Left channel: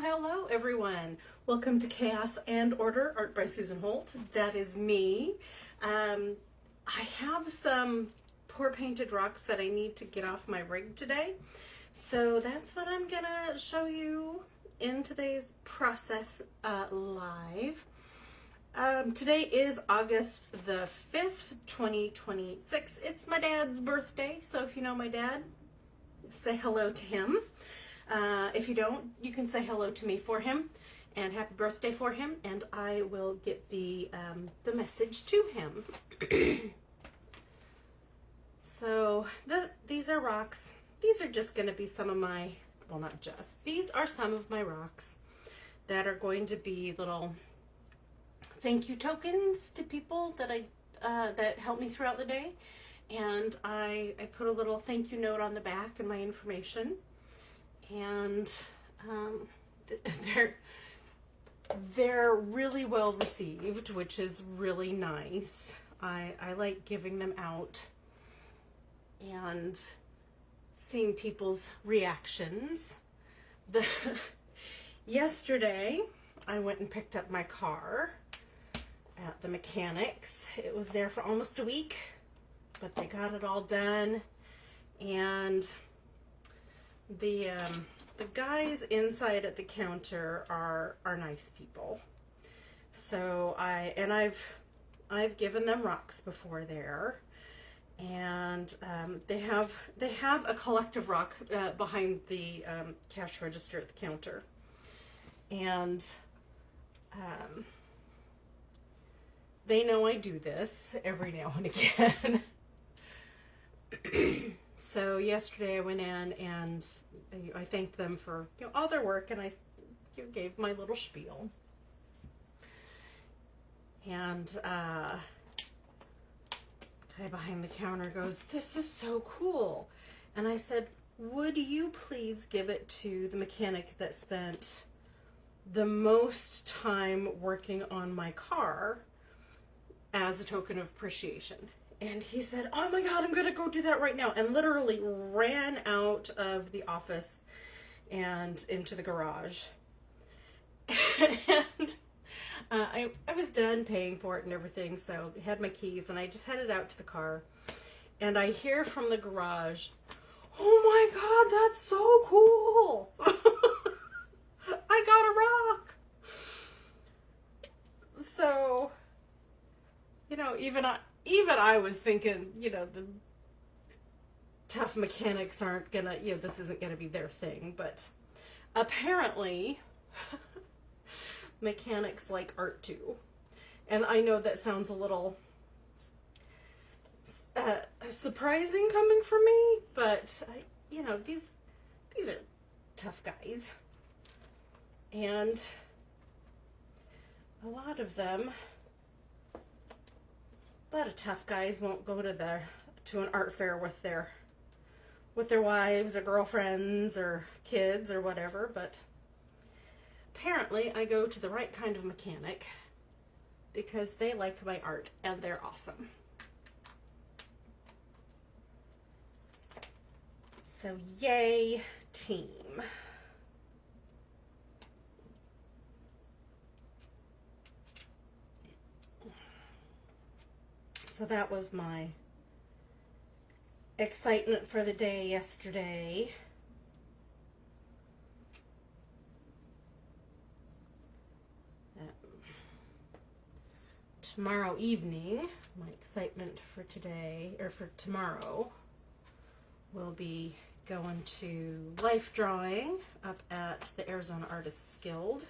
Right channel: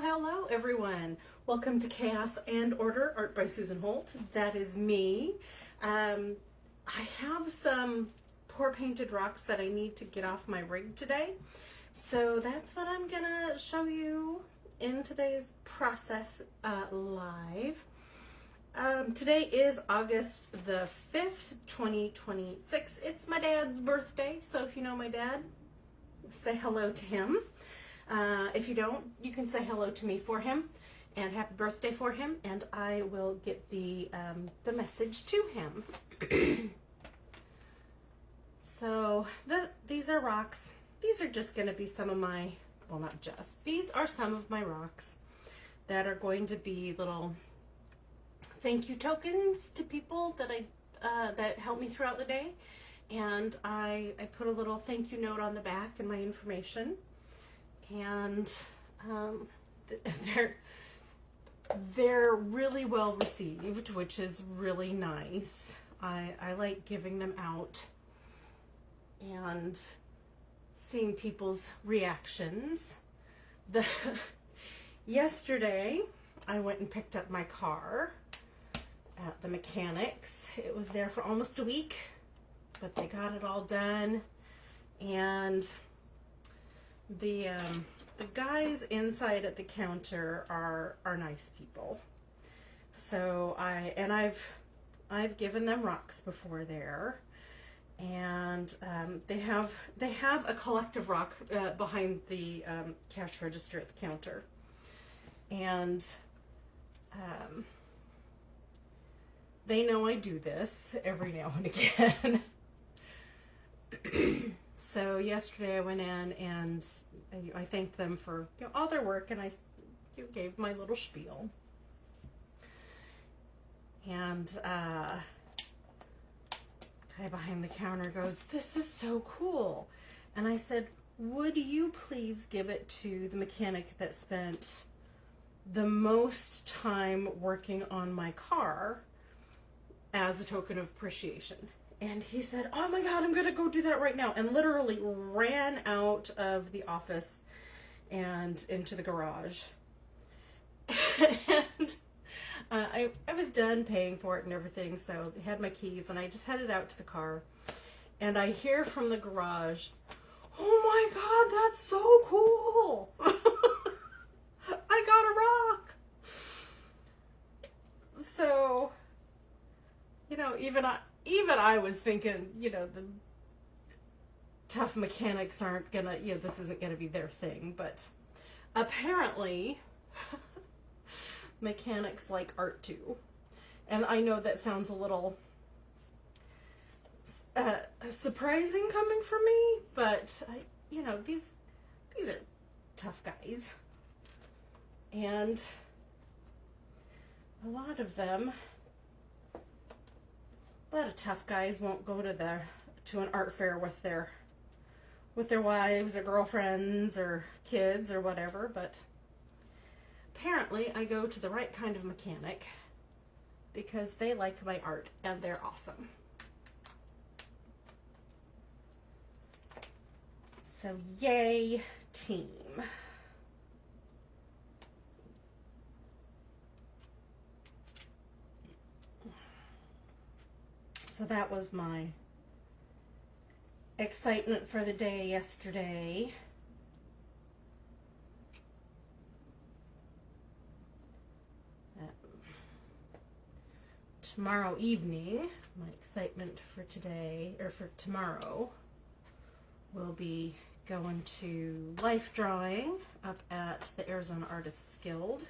Hello everyone. Welcome to Chaos and Order, Art by Susan Holt. That is me. I have some pour painted rocks that I need to get off my rig today. So that's what I'm gonna show you in today's process live. Today is August the 5th, 2026. It's my dad's birthday, so if you know my dad, say hello to him. If you don't, you can say hello to me for him and happy birthday for him, and I will get the message to him. So these are rocks. These are just going to be some of my, well, not just, these are some of my rocks that are going to be little thank you tokens to people that that help me throughout the day. And I put a little thank you note on the back and my information. And they're really well received, which is really nice. I like giving them out and seeing people's reactions. Yesterday, I went and picked up my car at the mechanics. It was there for almost a week, but they got it all done, and the guys inside at the counter are nice people. So I've given them rocks before there, and they have a collective rock behind the cash register at the counter, and they know I do this every now and again. So yesterday I went in and I thanked them for all their work, and I gave my little spiel. And guy behind the counter goes, "This is so cool." And I said, "Would you please give it to the mechanic that spent the most time working on my car as a token of appreciation?" And he said, "Oh my God, I'm going to go do that right now." And literally ran out of the office and into the garage. And I was done paying for it and everything, so I had my keys, and I just headed out to the car. And I hear from the garage, "Oh my God, that's so cool. I got a rock." So, even I was thinking, the tough mechanics aren't gonna, this isn't gonna be their thing, but apparently mechanics like art too. And I know that sounds a little surprising coming from me, but these are tough guys, and a lot of tough guys won't go to an art fair with their wives or girlfriends or kids or whatever, but apparently I go to the right kind of mechanic because they like my art and they're awesome. So yay, team. So that was my excitement for the day yesterday. Tomorrow evening, my excitement for today, or for tomorrow, will be going to life drawing up at the Arizona Artists Guild.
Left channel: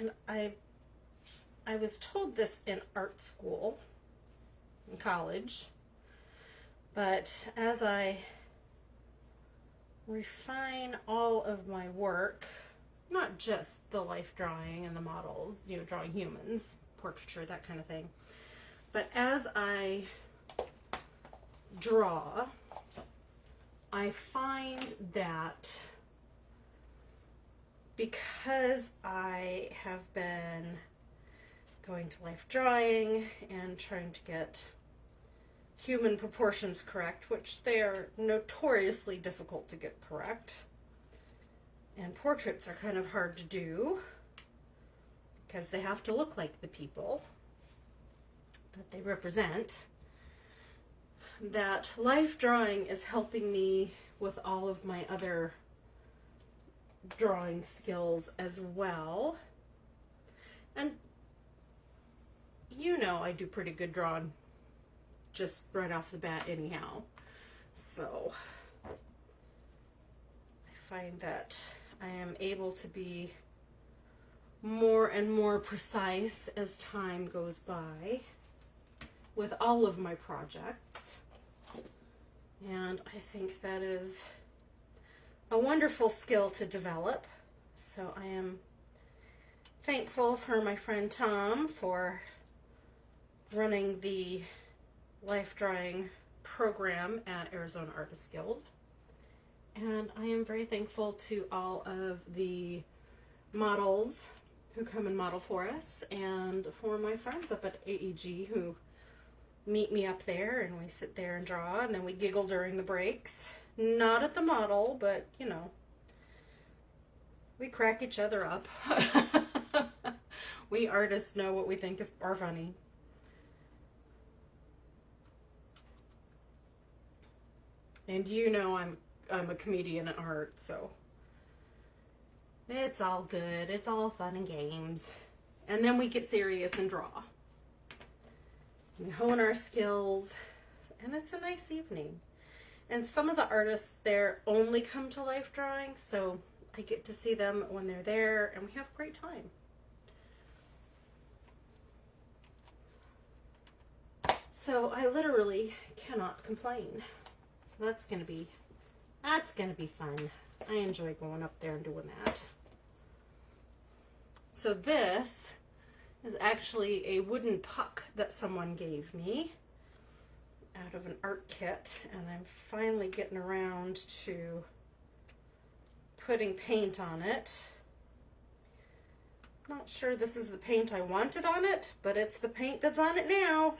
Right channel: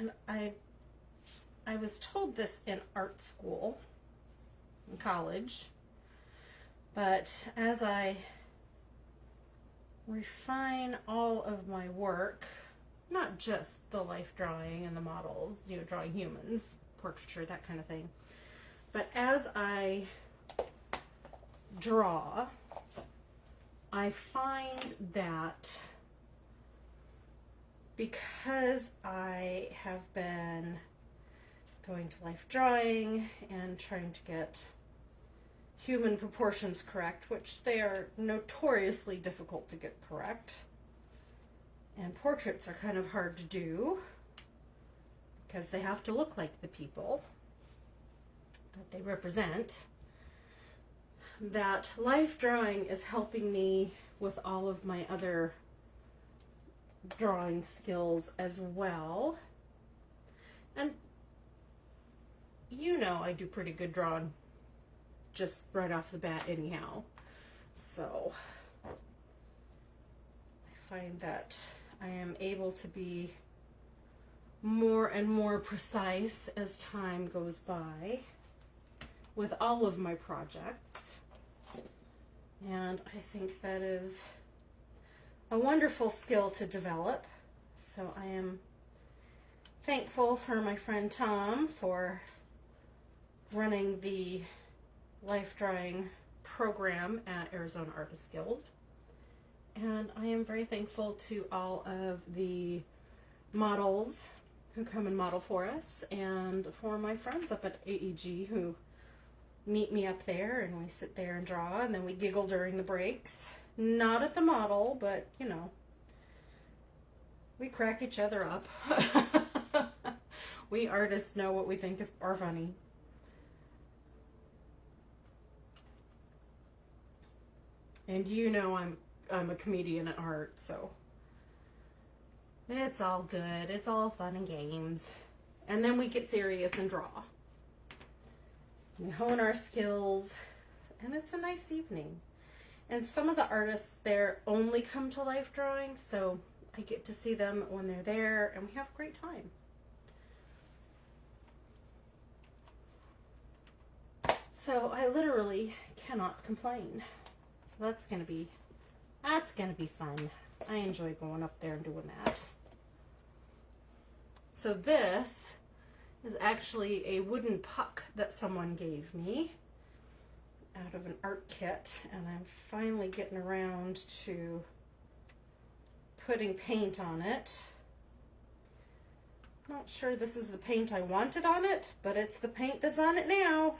And I was told this in art school, in college, but as I refine all of my work, not just the life drawing and the models, drawing humans, portraiture, that kind of thing, but as I draw, I find that because I have been going to life drawing and trying to get human proportions correct, which they are notoriously difficult to get correct. And portraits are kind of hard to do because they have to look like the people that they represent. That life drawing is helping me with all of my other drawing skills as well. And you know I do pretty good drawing just right off the bat anyhow. So I find that I am able to be more and more precise as time goes by with all of my projects. And I think that is a wonderful skill to develop. So I am thankful for my friend Tom for running the life drawing program at Arizona Artists Guild. And I am very thankful to all of the models who come and model for us, and for my friends up at AEG who meet me up there, and we sit there and draw, and then we giggle during the breaks. Not at the model, but you know, we crack each other up. We artists know what we think are funny. And you know I'm a comedian at heart, so it's all good. It's all fun and games. And then we get serious and draw. We hone our skills, and it's a nice evening. And some of the artists there only come to life drawing, so I get to see them when they're there, and we have a great time. So I literally cannot complain. So that's gonna be fun. I enjoy going up there and doing that. So this is actually a wooden puck that someone gave me out of an art kit, and I'm finally getting around to putting paint on it. Not sure this is the paint I wanted on it, but it's the paint that's on it now.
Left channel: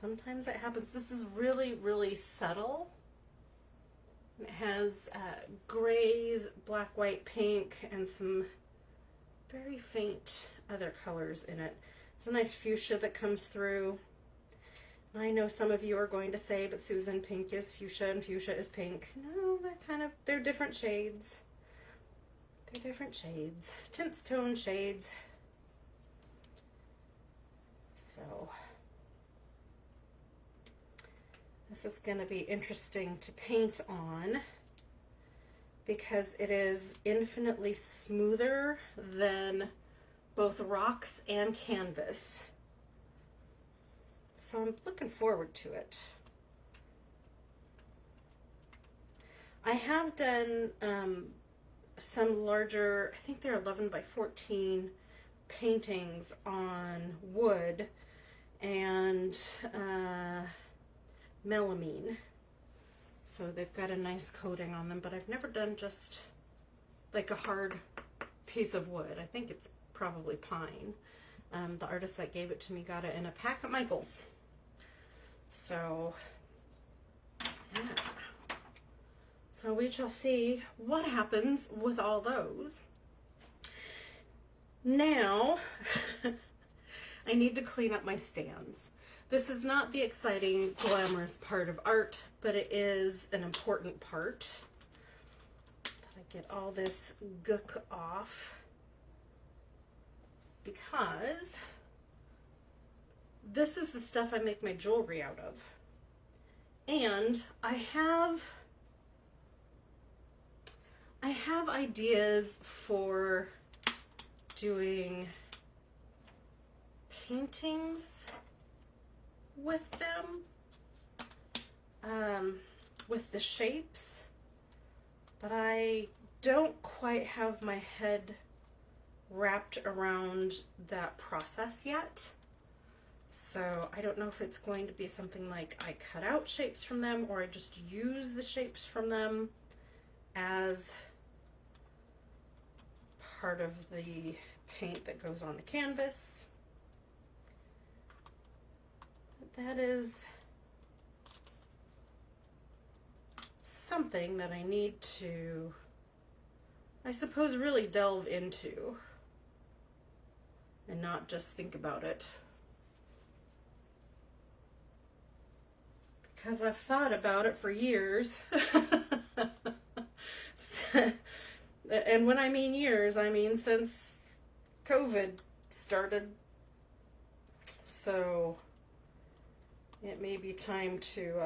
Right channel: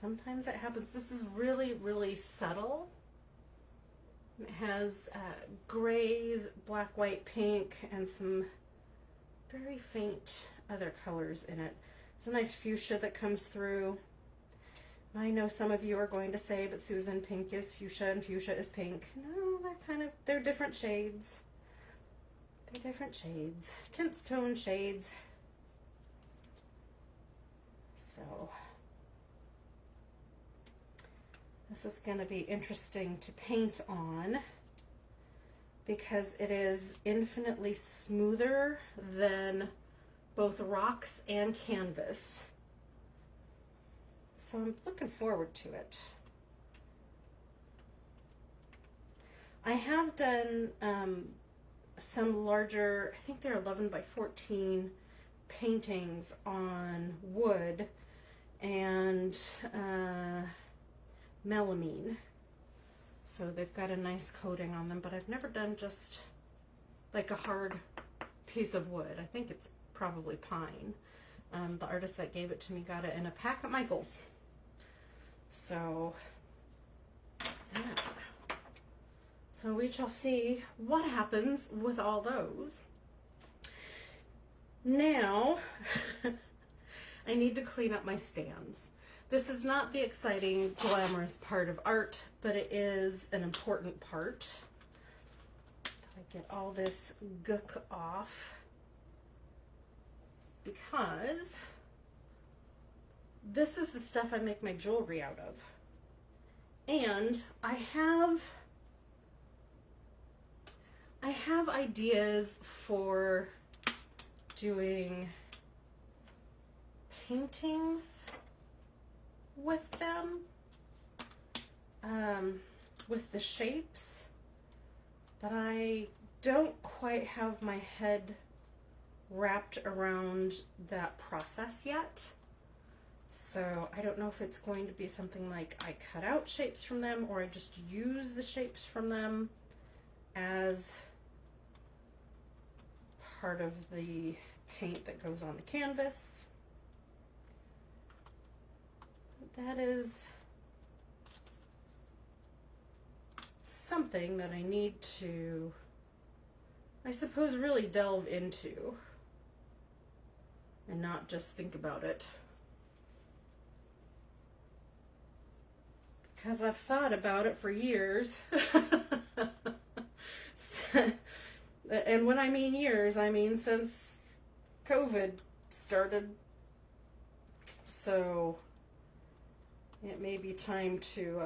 Sometimes it happens. This is really, really subtle. It has grays, black, white, pink, and some very faint other colors in it. It's a nice fuchsia that comes through. And I know some of you are going to say, but Susan, pink is fuchsia and fuchsia is pink. No, they're different shades. They're different shades. Tints, tone shades. So this is going to be interesting to paint on because it is infinitely smoother than both rocks and canvas. So I'm looking forward to it. I have done some larger, I think they're 11 by 14 paintings on wood and melamine. So they've got a nice coating on them, but I've never done just like a hard piece of wood. I think it's probably pine. The artist that gave it to me got it in a pack at Michael's. So, yeah. So we shall see what happens with all those. Now, I need to clean up my stands. This is not the exciting, glamorous part of art, but it is an important part. I get all this gook off because this is the stuff I make my jewelry out of. And I have ideas for doing paintings with them, with the shapes, but I don't quite have my head wrapped around that process yet. So I don't know if it's going to be something like I cut out shapes from them or I just use the shapes from them as part of the paint that goes on the canvas. that is something that I need to, I suppose, really delve into and not just think about it. Because I've thought about it for years. And when I mean years, I mean since COVID started. So it may be time to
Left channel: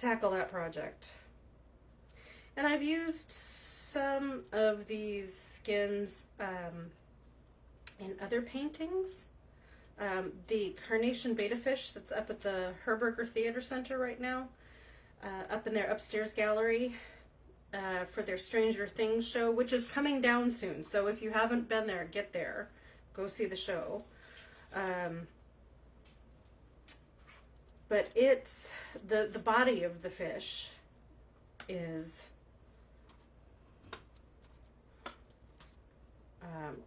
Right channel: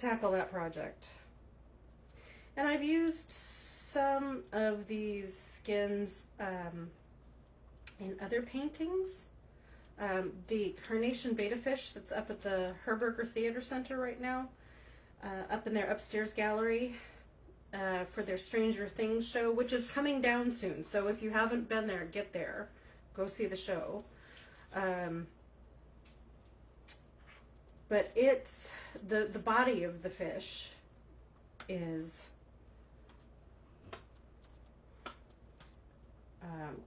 tackle that project. And I've used some of these skins in other paintings. The Carnation Beta Fish that's up at the Herberger Theater Center right now, up in their upstairs gallery for their Stranger Things show, which is coming down soon. So if you haven't been there, get there. Go see the show. But it's, the body of the fish is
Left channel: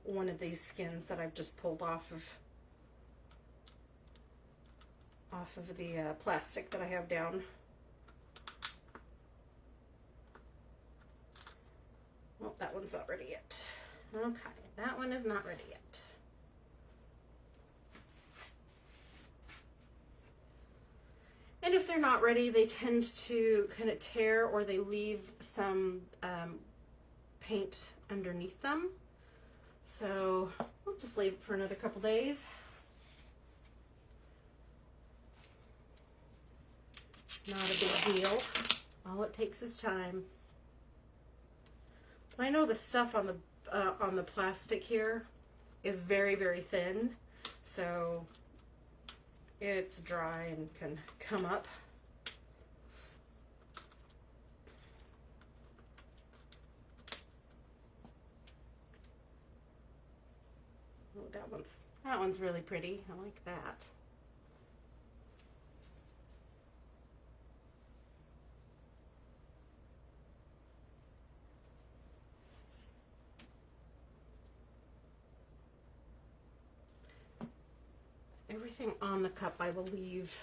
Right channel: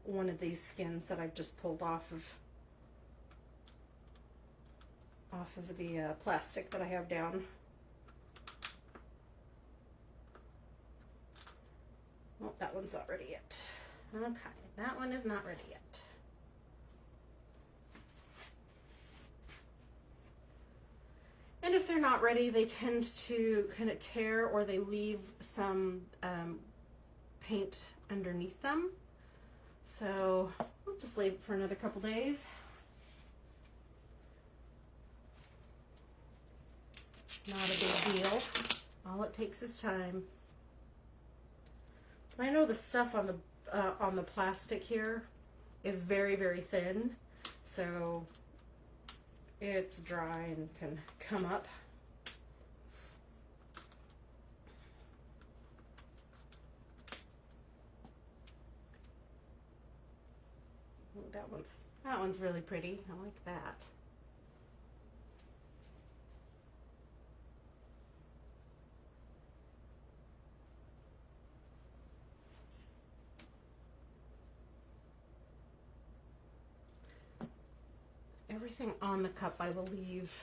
one of these skins that I've just pulled off of the plastic that I have down. Well, that one's not ready yet. Okay, that one is not ready yet. And if they're not ready, they tend to kind of tear, or they leave some paint underneath them. So we'll just leave it for another couple days. Not a big deal. All it takes is time. I know the stuff on the plastic here is very, very thin, so it's dry and can come up. Oh, that one's really pretty. I like that. Everything on the cup I will leave.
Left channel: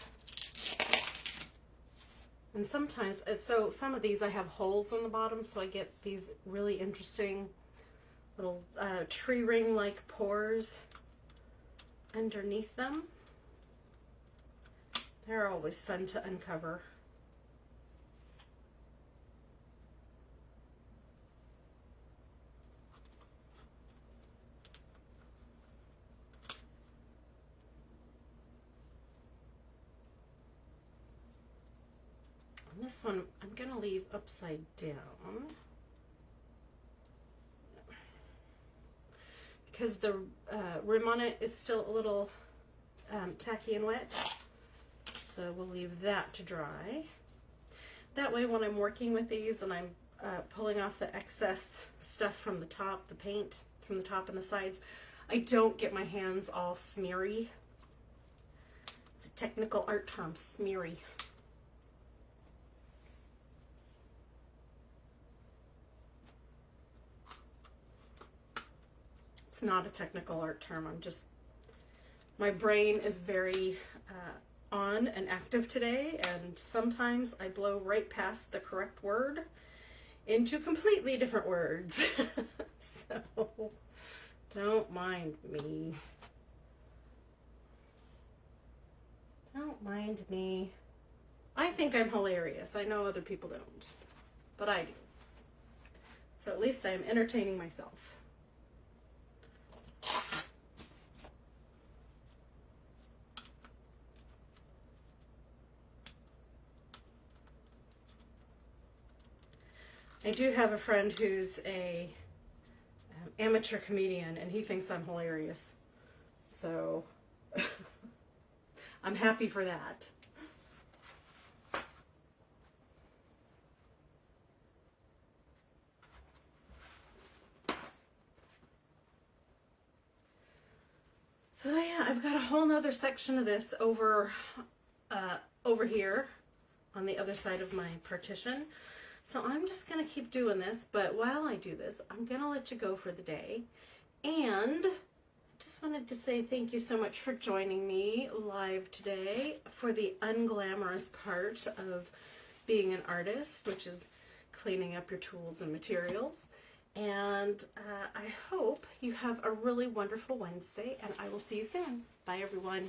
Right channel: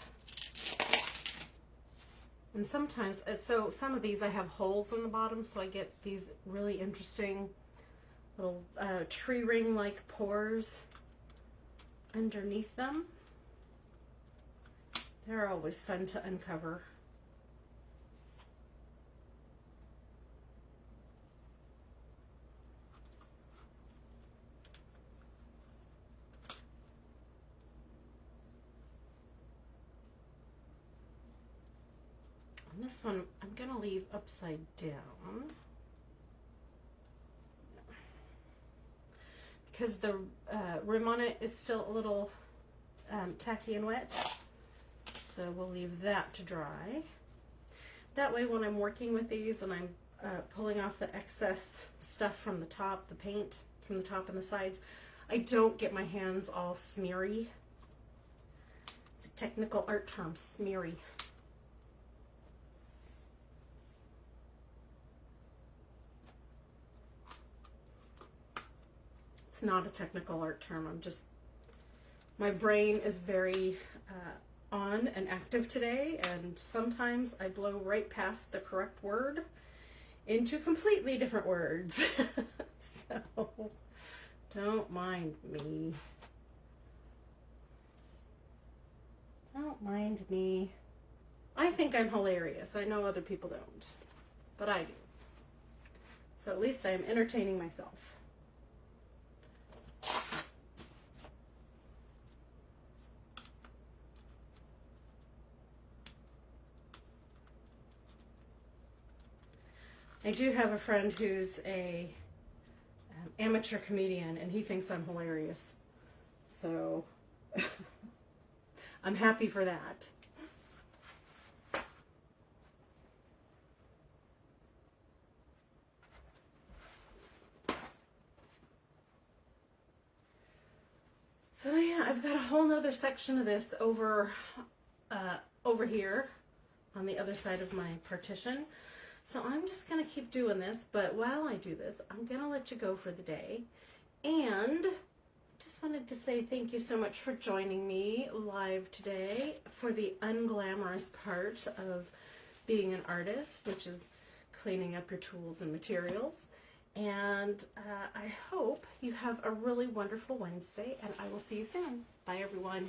And sometimes, so some of these I have holes in the bottom, so I get these really interesting little tree ring like pores underneath them. They're always fun to uncover. This one I'm going to leave upside down because the rim on it is still a little tacky and wet, so we'll leave that to dry. That way when I'm working with these and I'm pulling off the excess stuff from the top, the paint from the top and the sides, I don't get my hands all smeary. It's a technical art term, smeary. It's not a technical art term. My brain is very on and active today, and sometimes I blow right past the correct word into completely different words. So don't mind me. Don't mind me. I think I'm hilarious. I know other people don't, but I do. So at least I'm entertaining myself. I do have a friend who's a amateur comedian, and he thinks I'm hilarious. So I'm happy for that. So yeah, I've got a whole nother section of this over here on the other side of my partition. So I'm just going to keep doing this, but while I do this, I'm going to let you go for the day. And just wanted to say thank you so much for joining me live today for the unglamorous part of being an artist, which is cleaning up your tools and materials. And I hope you have a really wonderful Wednesday, and I will see you soon. Bye, everyone.